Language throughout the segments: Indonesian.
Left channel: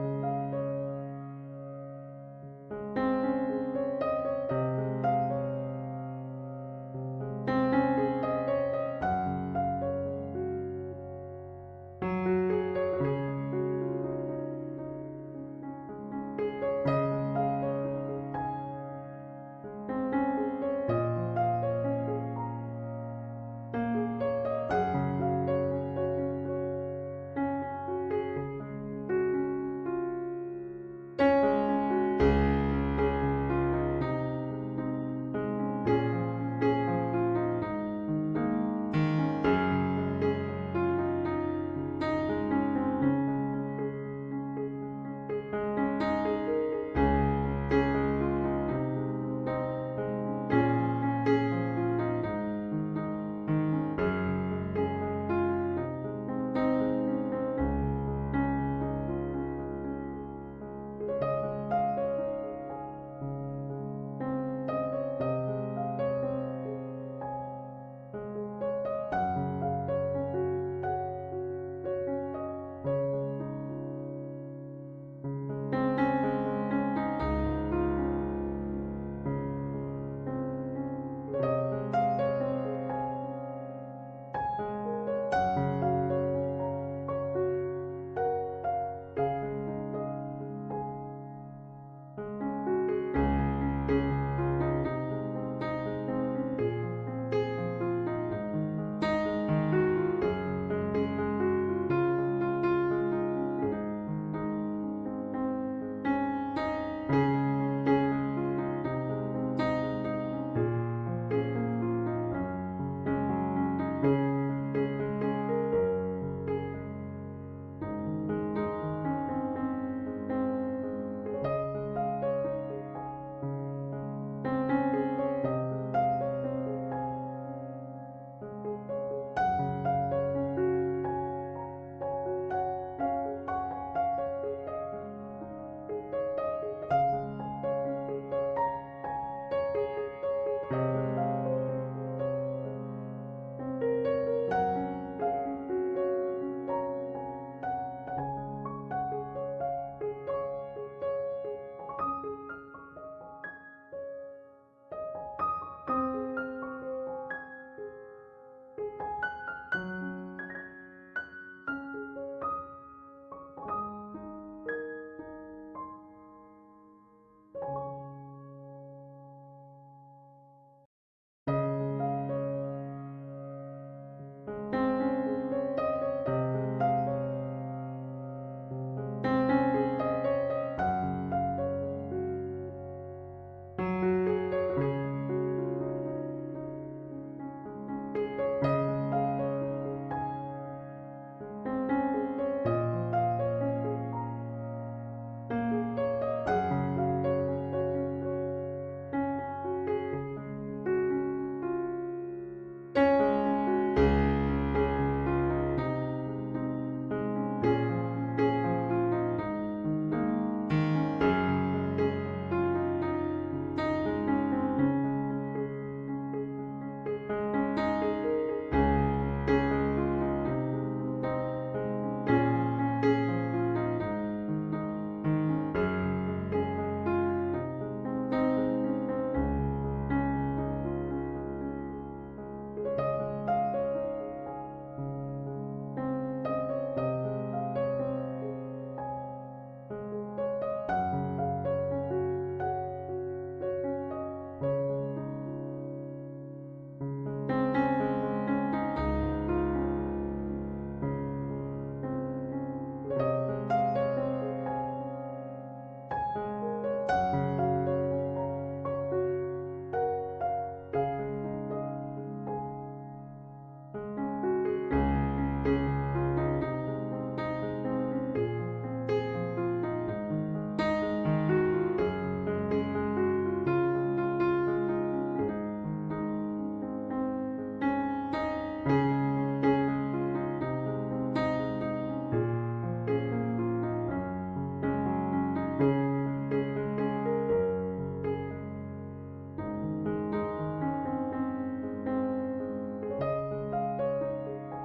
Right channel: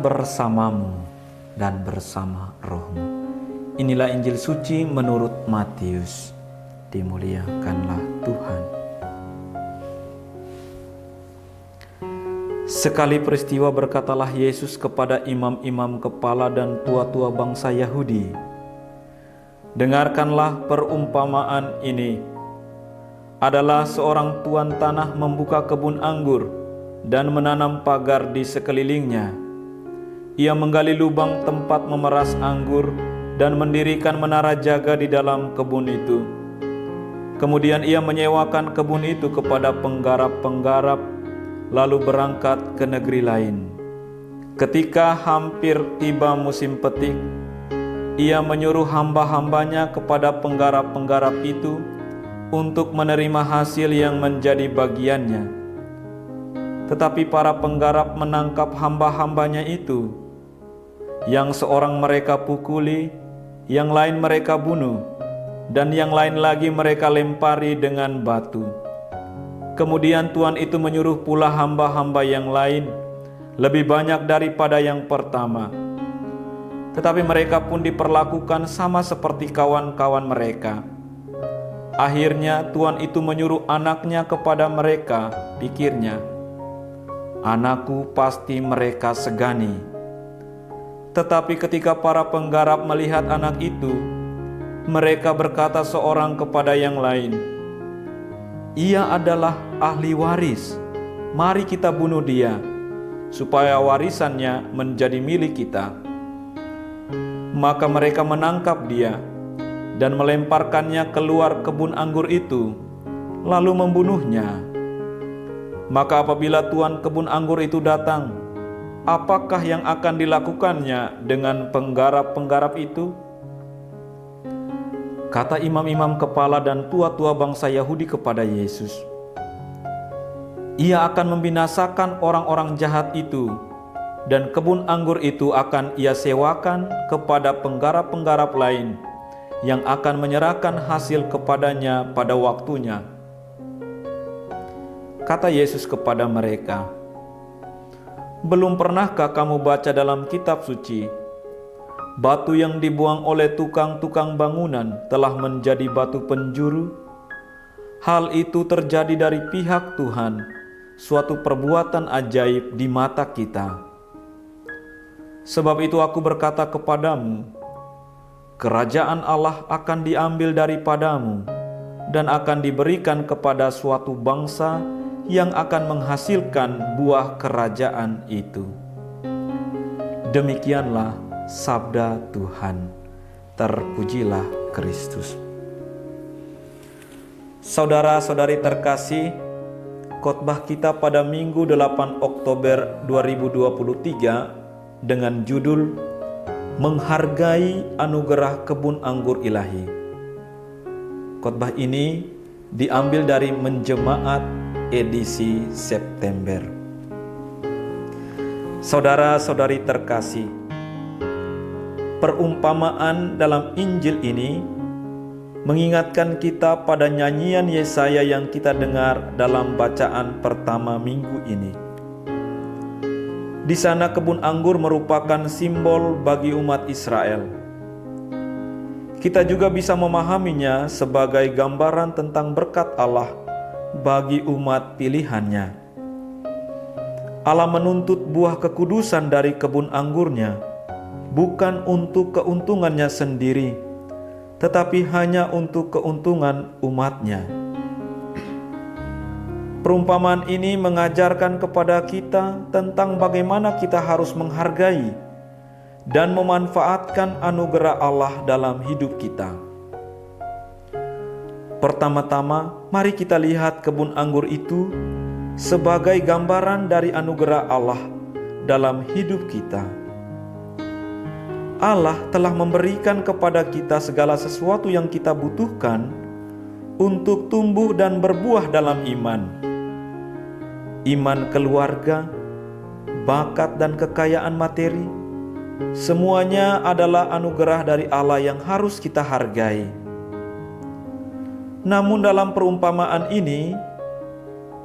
Tuhan bersamamu dan bersama rohmu. Inilah Injil suci menurut Matius. Dimuliakanlah Tuhan. Sekali peristiwa berkatalah Yesus kepada imam-imam kepala dan tua-tua bangsa Yahudi, "Dengarkanlah perumpamaan ini. Adalah seorang tuan tanah membuka kebun anggur dan menanam pagar di sekelilingnya. Ia menggali lubang tempat memeras anggur dan mendirikan menara jaga di dalam kebun itu. Kemudian ia menyewakan kebun itu kepada penggarap-penggarap, lalu berangkat ke negeri lain. Ketika hampir tiba musim petik, ia menyuruh hamba-hambanya kepada penggarap-penggarap itu untuk menerima hasil yang menjadi bagiannya. Tetapi para penggarap menangkap hamba-hambanya itu. Yang seorang mereka pukuli, yang lain mereka bunuh, dan yang lain lagi mereka lempari dengan batu. Kemudian Tuan itu menyuruh pula hamba-hamba yang lain, lebih banyak daripada yang pertama. Tetapi mereka pun diperlakukan sama seperti kawan-kawan mereka. Akhirnya Tuan itu menyuruh anaknya kepada mereka, pikirnya, 'Anakku pasti mereka segani.' Tetapi ketika para penggarap melihat anak itu, mereka berkata seorang kepada yang lain, 'Ia adalah ahli waris. Mari kita bunuh dia, supaya warisannya menjadi milik kita.' Maka mereka menangkap dia dan melemparkannya keluar kebun anggur itu, lalu membunuhnya. Maka apabila tuan kebun anggur itu datang, apakah yang akan dilakukannya dengan penggarap-penggarap itu?" Kata imam-imam kepala dan tua-tua bangsa Yahudi kepada Yesus, "Ia akan membinasakan orang-orang jahat itu, dan kebun anggur itu akan ia sewakan kepada penggarap-penggarap lain yang akan menyerahkan hasil kepadanya pada waktunya." Kata Yesus kepada mereka, "Belum pernahkah kamu baca dalam kitab suci, batu yang dibuang oleh tukang-tukang bangunan telah menjadi batu penjuru? Hal itu terjadi dari pihak Tuhan, suatu perbuatan ajaib di mata kita. Sebab itu aku berkata kepadamu, kerajaan Allah akan diambil daripadamu dan akan diberikan kepada suatu bangsa yang akan menghasilkan buah kerajaan itu." Demikianlah sabda Tuhan. Terpujilah Kristus. Saudara-saudari terkasih, khotbah kita pada Minggu 8 Oktober 2023 dengan judul Menghargai Anugerah Kebun Anggur Ilahi. Khotbah ini diambil dari Menjemaat edisi September. Saudara-saudari terkasih, perumpamaan dalam Injil ini mengingatkan kita pada nyanyian Yesaya yang kita dengar dalam bacaan pertama minggu ini. Di sana kebun anggur merupakan simbol bagi umat Israel. Kita juga bisa memahaminya sebagai gambaran tentang berkat Allah bagi umat pilihannya. Allah menuntut buah kekudusan dari kebun anggurnya, bukan untuk keuntungannya sendiri, tetapi hanya untuk keuntungan umatnya. Perumpamaan ini mengajarkan kepada kita tentang bagaimana kita harus menghargai dan memanfaatkan anugerah Allah dalam hidup kita. Pertama-tama, mari kita lihat kebun anggur itu sebagai gambaran dari anugerah Allah dalam hidup kita. Allah telah memberikan kepada kita segala sesuatu yang kita butuhkan untuk tumbuh dan berbuah dalam iman. Iman keluarga, bakat dan kekayaan materi, semuanya adalah anugerah dari Allah yang harus kita hargai. Namun dalam perumpamaan ini,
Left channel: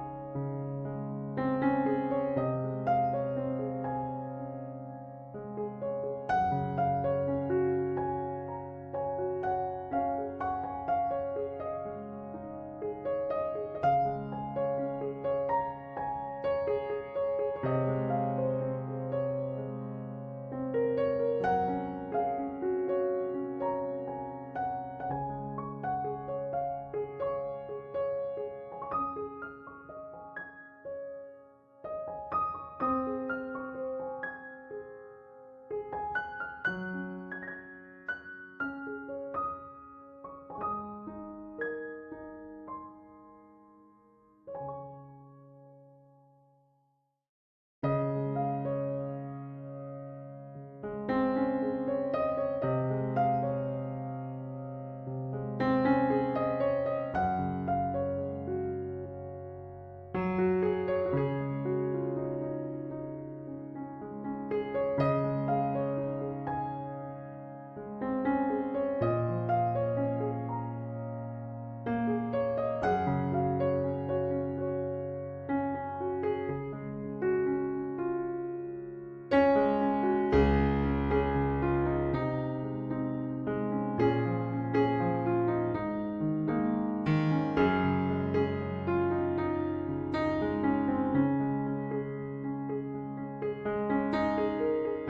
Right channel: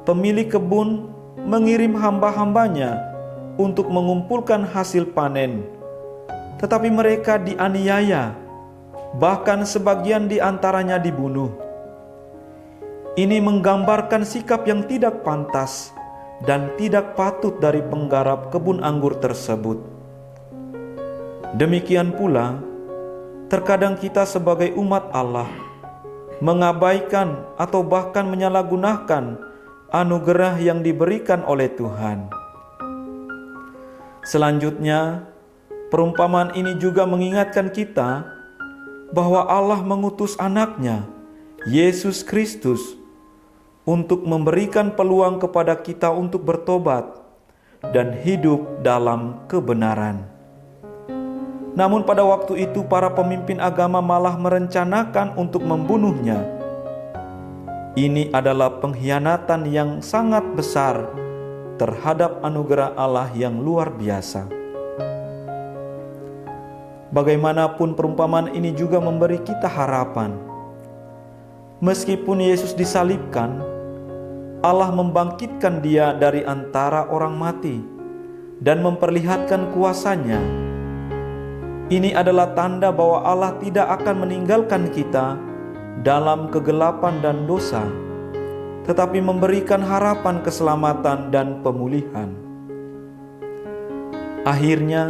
pemilik kebun mengirim hamba-hambanya untuk mengumpulkan hasil panen, tetapi mereka dianiaya, bahkan sebagian di antaranya dibunuh. Ini menggambarkan sikap yang tidak pantas dan tidak patut dari penggarap kebun anggur tersebut. Demikian pula, terkadang kita sebagai umat Allah mengabaikan atau bahkan menyalahgunakan anugerah yang diberikan oleh Tuhan. Selanjutnya, perumpamaan ini juga mengingatkan kita bahwa Allah mengutus anaknya, Yesus Kristus, untuk memberikan peluang kepada kita untuk bertobat dan hidup dalam kebenaran. Namun pada waktu itu para pemimpin agama malah merencanakan untuk membunuhnya. Ini adalah pengkhianatan yang sangat besar terhadap anugerah Allah yang luar biasa. Bagaimanapun perumpamaan ini juga memberi kita harapan. Meskipun Yesus disalibkan, Allah membangkitkan dia dari antara orang mati dan memperlihatkan kuasa-Nya. Ini adalah tanda bahwa Allah tidak akan meninggalkan kita dalam kegelapan dan dosa, tetapi memberikan harapan keselamatan dan pemulihan. Akhirnya,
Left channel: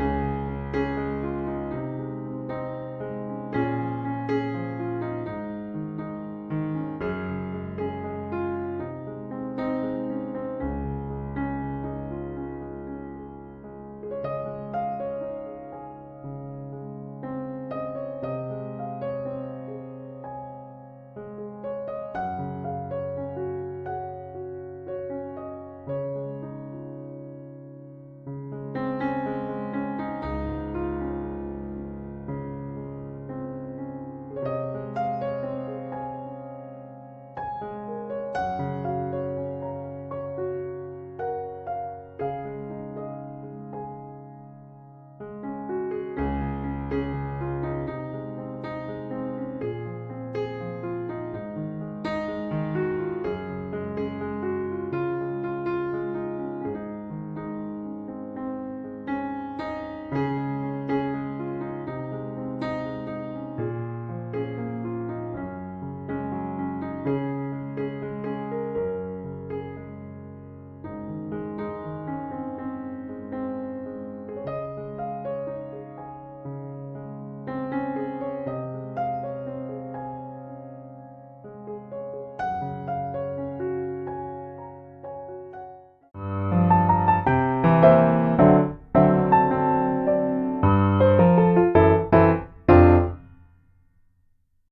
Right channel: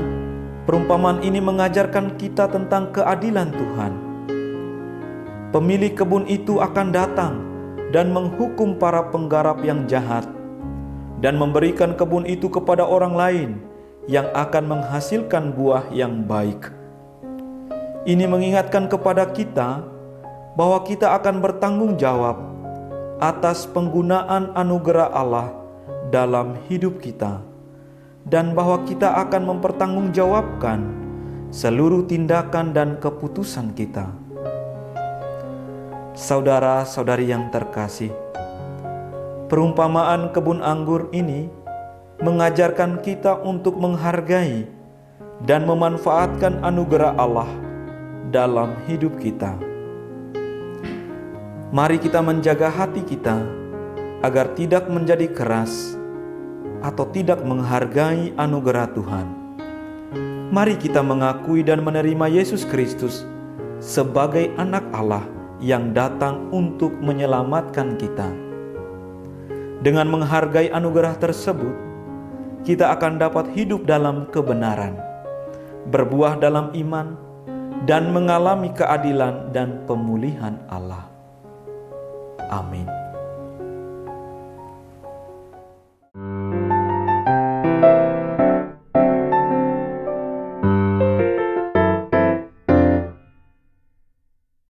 perumpamaan ini mengajarkan kita tentang keadilan Tuhan. Pemilik kebun itu akan datang dan menghukum para penggarap yang jahat dan memberikan kebun itu kepada orang lain yang akan menghasilkan buah yang baik. Ini mengingatkan kepada kita bahwa kita akan bertanggung jawab atas penggunaan anugerah Allah dalam hidup kita, dan bahwa kita akan mempertanggungjawabkan seluruh tindakan dan keputusan kita. Saudara-saudari yang terkasih, perumpamaan kebun anggur ini mengajarkan kita untuk menghargai dan memanfaatkan anugerah Allah dalam hidup kita. Mari kita menjaga hati kita agar tidak menjadi keras atau tidak menghargai anugerah Tuhan. Mari kita mengakui dan menerima Yesus Kristus sebagai anak Allah yang datang untuk menyelamatkan kita. Dengan menghargai anugerah tersebut, kita akan dapat hidup dalam kebenaran, berbuah dalam iman, dan mengalami keadilan dan pemulihan Allah. Amin.